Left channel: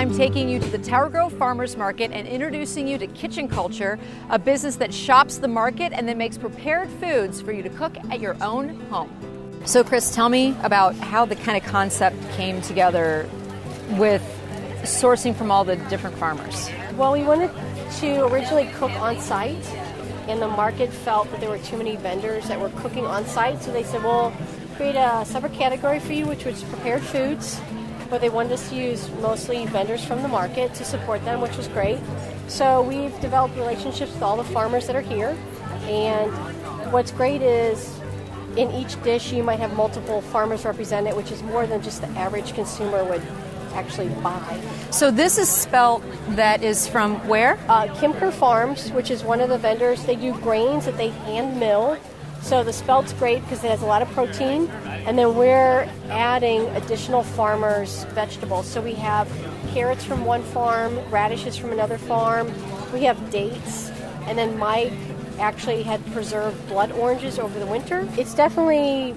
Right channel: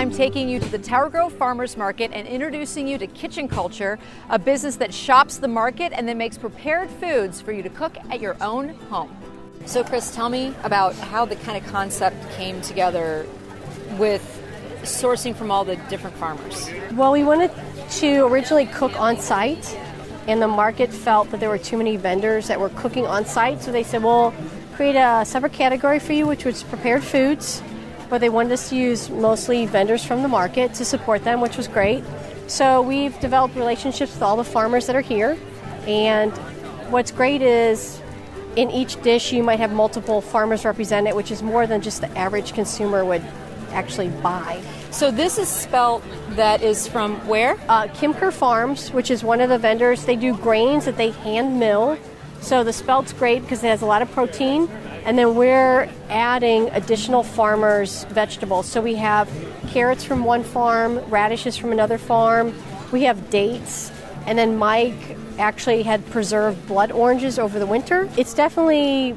I'm taking you to the Tower Grove Farmers Market and introducing you to Kitchen Culture, a business that shops the market and then makes prepared foods for you to cook at your own home. So Chris, tell me about how the kind of concept came together with sourcing from all the different farmers. Well, we wanted to originally cook on site, and the market felt that there were too many vendors that were cooking on site, so they said, well, create a separate category for you, which was prepared foods, but they wanted us to use mostly vendors from the market to support them, which was great. So we've developed relationships with all the farmers that are here, and what's great is in each dish you might have multiple farmers represented, which is more than just the average consumer would actually buy. So this is spelt that is from where? Kimker Farms, which is one of the vendors. They do grains that they hand mill. So the spelt's great because it has a lot of protein. And then we're adding additional farmers' vegetables. So we have carrots from one farm, radishes from another farm. We have dates. And then Mike actually had preserved blood oranges over the winter. It's definitely,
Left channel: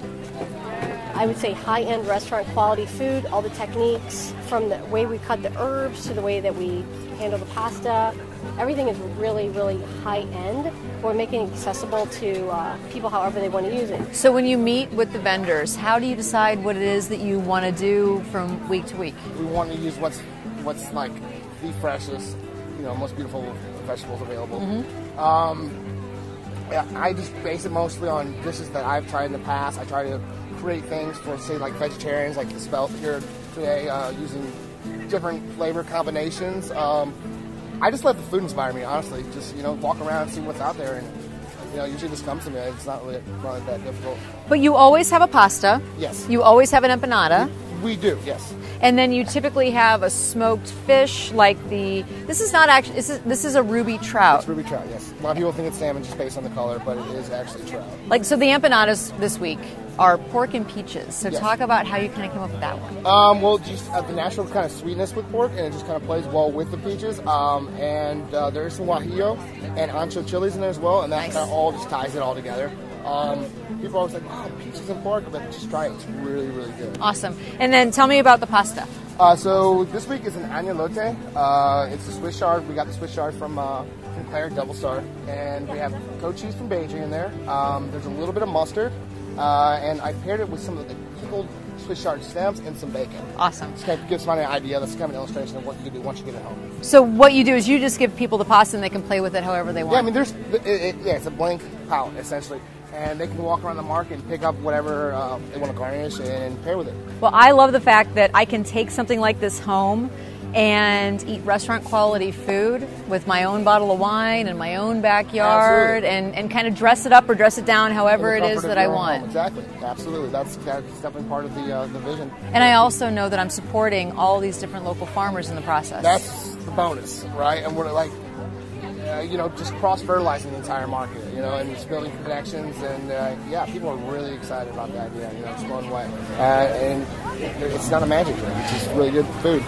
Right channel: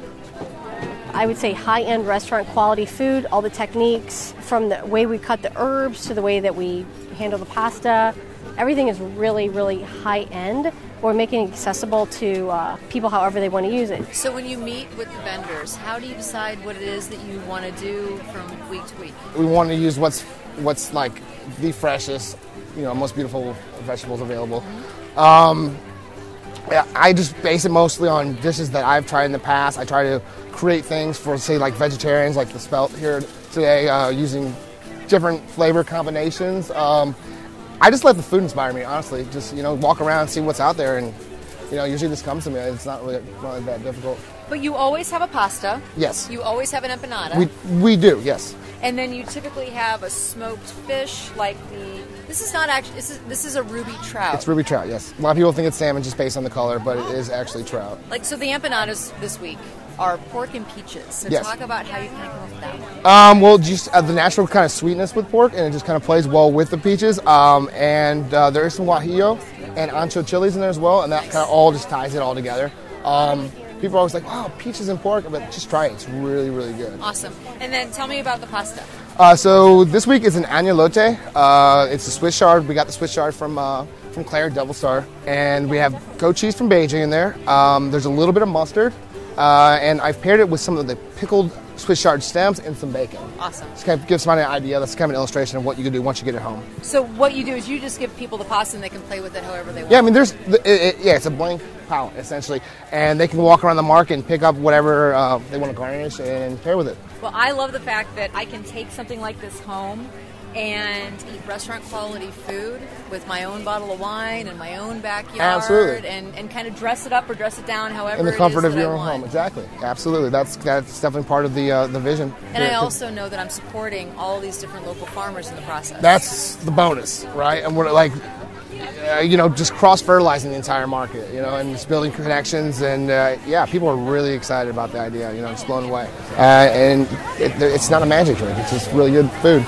I would say, high-end restaurant quality food. All the techniques, from the way we cut the herbs to the way that we handle the pasta, everything is really, really high-end. We're making it accessible to people however they want to use it. So when you meet with the vendors, how do you decide what it is that you want to do from week to week? We want to use what's like the freshest, most beautiful vegetables available. I just base it mostly on dishes that I've tried in the past. I try to create things for, say, like vegetarians, like the spelt here today, using different flavor combinations. I just let the food inspire me, honestly. Just, walk around, see what's out there, and, usually this comes to me. It's not really that difficult. But you always have a pasta. Yes. You always have an empanada. We do, yes. And then you typically have a smoked fish, like this is not actually, this is a ruby trout. It's ruby trout, yes. A lot of people think it's salmon just based on the color, but it is actually trout. So the empanadas this week are pork and peaches. So yes. Talk about how you kind of come up with that one. Well, just the natural kind of sweetness with pork, and it just kind of plays well with the peaches. And there is some guajillo and ancho chilies in there as well, and that kind of all just ties it all together. People are always like, oh, peaches and pork, but just try it. It's really, really good. Awesome. And then tell me about the pasta. So this week is an agnolote. It's a Swiss chard. We got the Swiss chard from Claire, Double Star. And we have goat cheese from Beijing in there. There's a little bit of mustard. And I've paired it with some of the pickled Swiss chard stems and some bacon. Awesome. This kind of gives somebody an idea. That's kind of an illustration of what you can do once you get it home. So what you do is you just give people the pasta and they can play with it however they want. Yeah, I mean, it's a blank palette, essentially. And they can walk around the market and pick up whatever they want to garnish and pair with it. Well, I love the fact that I can take something like this home and eat restaurant quality food with my own bottle of wine and my own backyard and kind of dress it up or dress it down however it is that I want. Home. Exactly. Absolutely. That's definitely part of the vision. And I also know that I'm supporting all these different local farmers in the process. That's the bonus, right? And we're like, just cross-fertilizing the entire market, and just building connections. And people are really excited about the idea, just blown away. And it's not a magic drink. It's just really good food.